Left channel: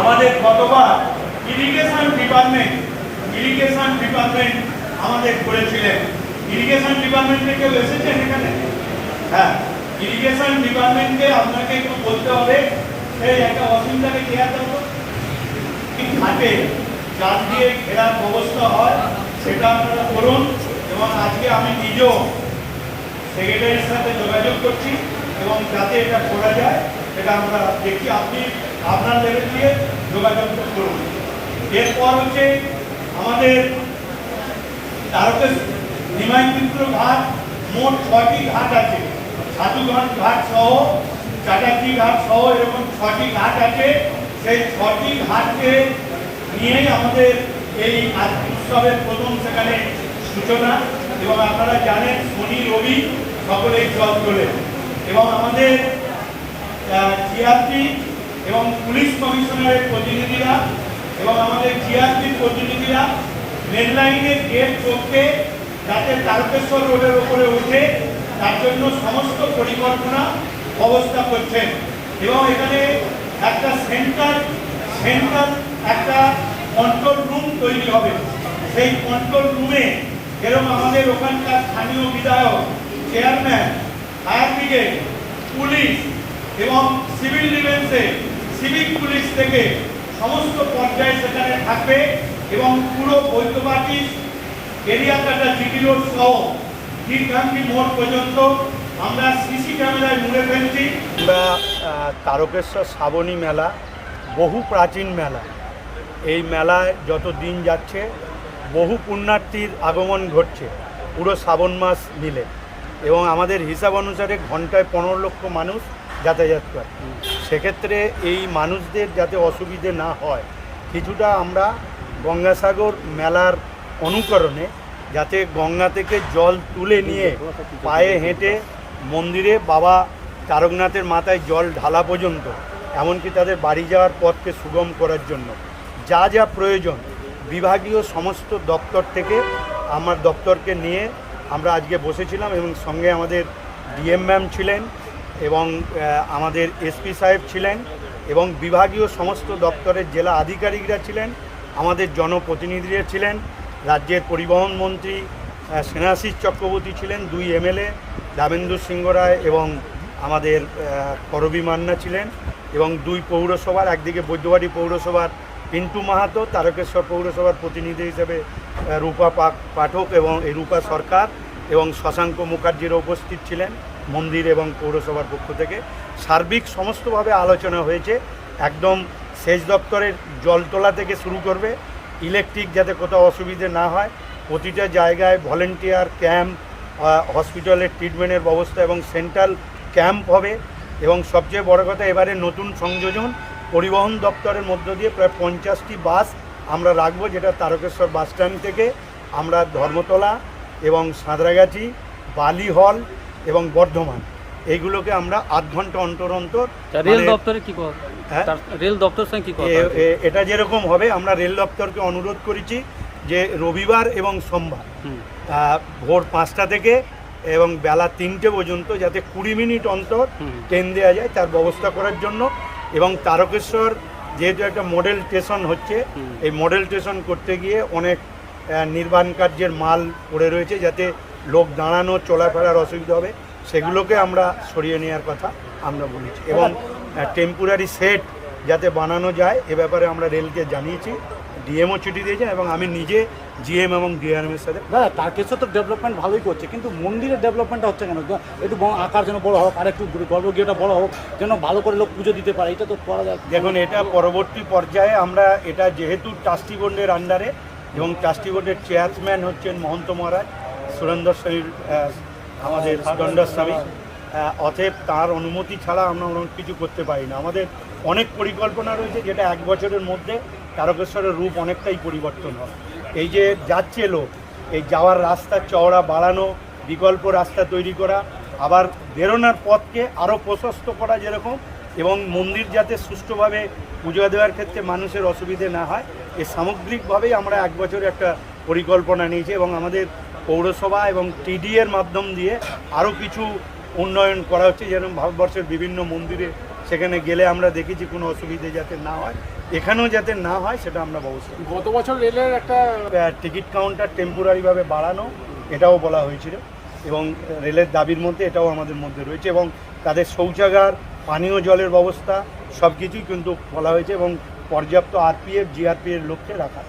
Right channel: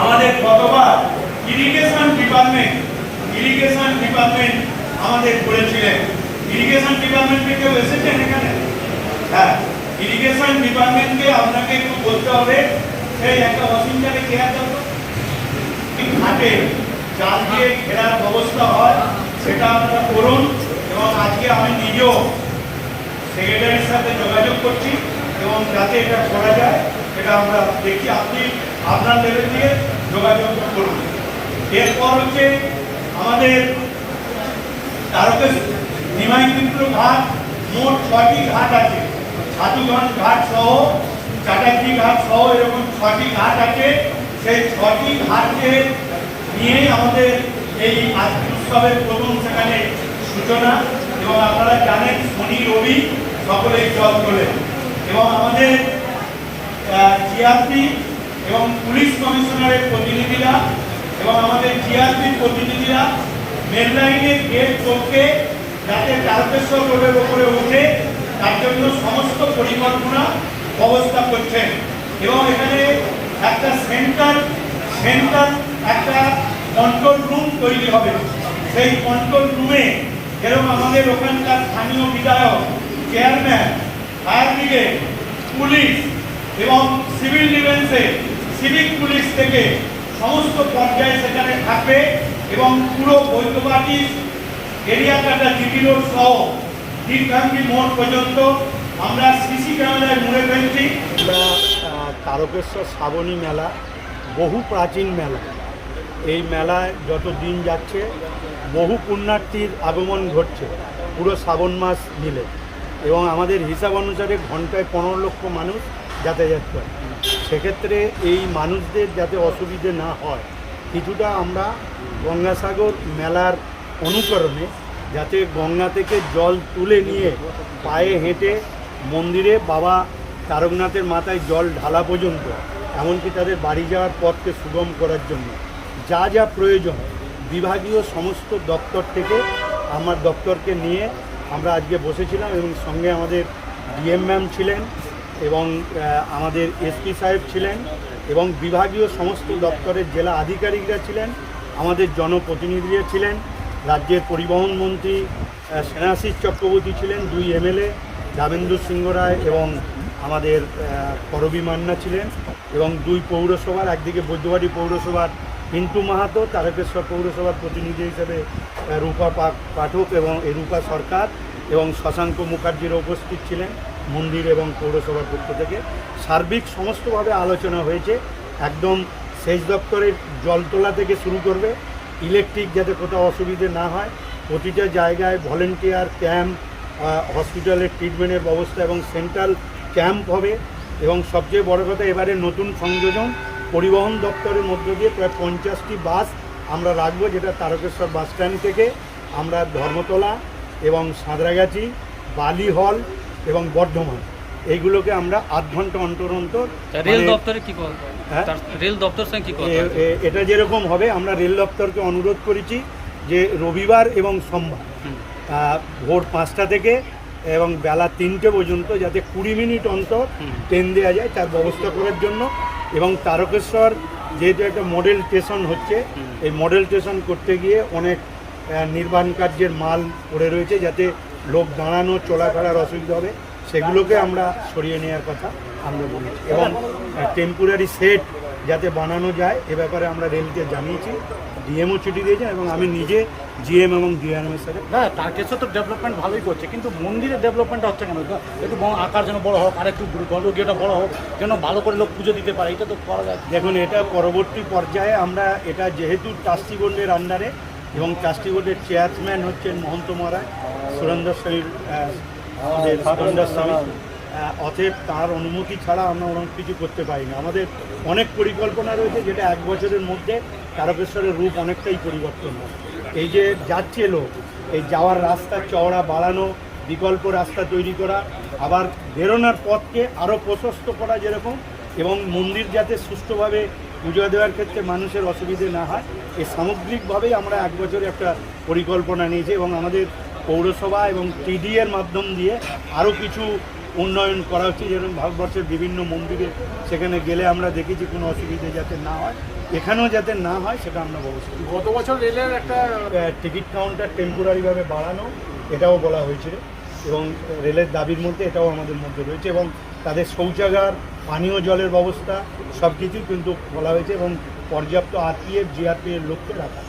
আমাদের গতবার irrigation department irrigation department আমাদের করেছিলেন। ইরিগেশন ডিপার্টমেন্টে কেউ এসেছেন এখানে? হ্যাঁ ইরিগেশন ডিপার্টমেন্টকে আপনাকে একটু বলতে হবে, সেই একটা অসুবিধাকে চেয়ার। এই ঘাটে জাল দিয়ে ঘেরার ব্যবস্থা হয়, সেটা আপনারা করুন, এবং আজকে আমি নিজেও সেক্রেটারির সাথে যোগাযোগ করছি, এবং যাতে এটা করা যায়, সেটা আমরা দেখি আপনি আপনার লেভেল দিয়ে যোগাযোগ করুন। এরপর হচ্ছে আমাদের তারকের নিমাইপুর ঘাট, মোট ছয়টি ঘাট আছে। সাধুগঞ্জ ঘাট সহ, চাটার্জি ঘাট সহ এরকম ছটি ঘাট আছে। সেই ছটি ঘাটকে নিয়েই আমাদের এই উৎসবের প্রথম সেখানে সূচনা এবং আপনারা জানেন শনি, রবি সকলেই জল তোলে এবং আমাদের জিআরপি এবং পুলিশ কমিশনারের প্রতিনিধিরা এবং আমাদের জিআরপির প্রতিনিধিরা রেল লাইনের গেট চোখকে যাতে তারকেশ্বর রোডের ওপরে উঠে তার জন্য সমস্ত পরিকল্পনা ব্যবস্থা করছেন। এবং এখানে একটা সেন্টার সেন্টার একটা কন্ট্রোল রুম তৈরি হবে। সেই কন্ট্রোল রুমে যেরকম আমাদের ওখানকার স্থানীয় বিধায়ক চেয়ারম্যান ফায়ার ব্রিগেড পুলিশ এবং সিভিল ডিফেন্সে সিভিক পুলিশ থেকে সমস্ত পর্যায়ে সেখানে থাকবে এবং পুরো বৈদ্যবাটি এরিয়া কাটা জিটি রোড সহ দীর্ঘাঙ্গি মোড় পর্যন্ত আমরা সিসি ক্যামেরায় মুড়ে ফেলছি। তারকেশ্বর শ্রাবণী মেলা, বহু প্রাচীন মেলা। এই মেলায় যত দিন যাচ্ছে, বহু পুণ্যার্থীর আগমন ঘটছে, পুরো শ্রাবণ মাস মিলে। এবং আমাদের হিসাব অনুসারে ঘন্টায় পনেরো লক্ষ মানুষ যাতায়াত করে। সেক্ষেত্রে এই মানুষদের যাতে অসুবিধে না হয়, কিছুটা আমরা গঙ্গাসাগর মেলার অনুকরণে যাতে গঙ্গা থেকে জল তুলে নিয়ে পায়ে হেঁটে মন্দিরে বাবা তারকনাথের মাথায় জল ঢালা পর্যন্ত, এমনকি তাদের বাড়ি যাওয়ার পথকে সুগম করার জন্য। যা যা প্রয়োজন, বিভাগীয় সমস্ত দপ্তর থেকে আমার দপ্তরকে নিয়ে আমরা আজকে বসেছিলাম এবং সঙ্গে আমাদের ডিএম ম্যাম ছিলেন এবং আমাদের এসপি সাহেব ছিলেন এবং বিভাগীয় সমস্ত দপ্তরের জেলা আধিকারিকরা ছিলেন, আমাদের জনপ্রতিনিধিরা ছিলেন, রাজ্যের পরিবহন মন্ত্রী সেনাশিস চক্রবর্তী ছিলেন, দুই এমএলএ, দামেন্দু সিংহ রায় এবং আমাদের করবী মান্না ছিলেন এবং দুই পৌরসভার, একদিকে বৈদ্যবাড়ি পৌরসভার পিন্টু মাহাতো, তারকেশ্বর পৌরসভার প্রতিনিধি হিসেবে রূপা পাঠক এবং রূপা সরকার এবং শশাঙ্ক মুখার্জিরা উপস্থিত ছিলেন। মন্দির এবং পৌরসভার পক্ষ থেকে সার্বিক সমস্তভাবে আলোচনা হয়েছে। একদম সেচ দপ্তরের জল তোলা থেকে শুরু করবে। ইলেকট্রিক যাতে কোথাও অসুবিধে না হয়, প্রতিটা জায়গায় ভলেন্টিয়ার ক্যাম্প হসপিটালের ট্রিটমেন্টের ব্যবস্থা এবং সেন্ট্রাল ক্যাম্প হবে। এবং সবচেয়ে বড় কথা, এবারে নতুন সংযোজন পরিবহন দপ্তরের মধ্য দিয়ে প্রায় পঞ্চাশটি বাস আমরা রাখব, যেটা তারকেশ্বর বাস স্ট্যান্ড থেকে আমরা ধর্মতলা এবং সাঁতরাগাছি, বালি হল এবং বর্ধমান। এইগুলোকে আমরা আধ ঘণ্টা অন্তর অন্তর রেল মানে দপ্তরে কি হ্যাঁ? রেল দপ্তর এটা যেরকম হবে আমরা রেল দপ্তরকে অনুরোধ করেছি যে রবিবার এবং সোমবার ভোর পাঁচটা থেকে এবং বেলা তিনটে পর্যন্ত যাতে কুড়ি মিনিট অন্তর ট্রেন দেওয়া যায় তার ব্যবস্থা করার জন্য এবং তারকেশ্বর যেহেতু একটা মডেল স্টেশন হচ্ছে এই মডেল স্টেশন করতে গিয়ে অনেক নির্মাণ কার্যের মাল পড়ে রয়েছে যাতে লোক দাঁড়ানো চলাফেরার অসুবিধা হবে সেগুলোকে আমরা সরিয়ে নেওয়ার কথা আমরা বলেছি। এবং টেম্পোরারি সেট যাতে বানানো যায় এ ব্যাপারে আমরা রেলকে জানিয়েছি ডিএমও চিঠি দিয়েছেন এবং আমি নিজে জিএম এবং ডিআরএমের সাথে দাদা তারকেশ্বর তো ডেভেলপমেন্ট ভালোই করছে কিন্তু মন্দিরের ডেভেলপমেন্টটা হচ্ছে কেন একটু আকার যেন বড় হোক আর একটু গর্ভগৃহটা বড় হোক যেন ভালো করে লোক পুজো দিতে পারে এটা তো করা যায়। দেখুন এটা পরবর্তী পর্যায়ে আমরা এটা যেহেতু ট্রাস্টি বোর্ডের আন্ডারে এবং ট্রাস্টি বোর্ডের চেয়ারম্যান হচ্ছেন মহন্ত মহারাজ সুরেন্দ্র স্বামী আহ, আমাদের সুরেন্দ্র স্বামী অতএব তার অনুমতি ছাড়া আমরা অনেক কিছু করতে পারি না। আমাদের অনেক পরিকল্পনা রয়েছে যেটা এক বছরের মধ্যে তারকেশ্বরের রূপ অনেকটাই পরিবর্তন হয়। এই যে যাচ্ছে লোক এই যাওয়ার রাস্তা চওড়া বাড়ানো বিকল্প রাস্তা তৈরি করা আবার বেরোনোর পথকে আরও প্রশস্ত করা যেরকম এবং মন্দির যাতে সুষ্ঠুভাবে পুজো দেওয়ার ক্ষেত্রে মানুষের অসুবিধে না হয় এই সামগ্রিকভাবেই আমরা এক বছরে একটা পরিকল্পনা নিয়েছি এবং আমাদের পৌরসভা এবং টিডি এর মাধ্যম দিয়ে আরও কিছু উন্নয়ন করা হচ্ছে যেরকম ভারতবর্ষের বিভিন্ন মন্দিরে সেখানে গেলে আমরা দেখেছি কোনো অসুবিধে যাতে না হয় এখানেও যাতে না হয় সেটা আমরা ব্যবস্থা। গত বছর রেলের একটা টিকিট কাউন্টার টেম্পোরারিভাবে বাড়ানো এটাও বলা হয়েছিল এবং রেলের দাবির মধ্যে এটাও আমাদের মধ্যে রয়েছে এবং তাদের শৌচাগার পানীয় জলের ব্যবস্থা সব কিছুই কিন্তু বলা হয়েছে এবং পর্যাপ্ত আরপিএফ জিআরপিএফ লোককে রাখা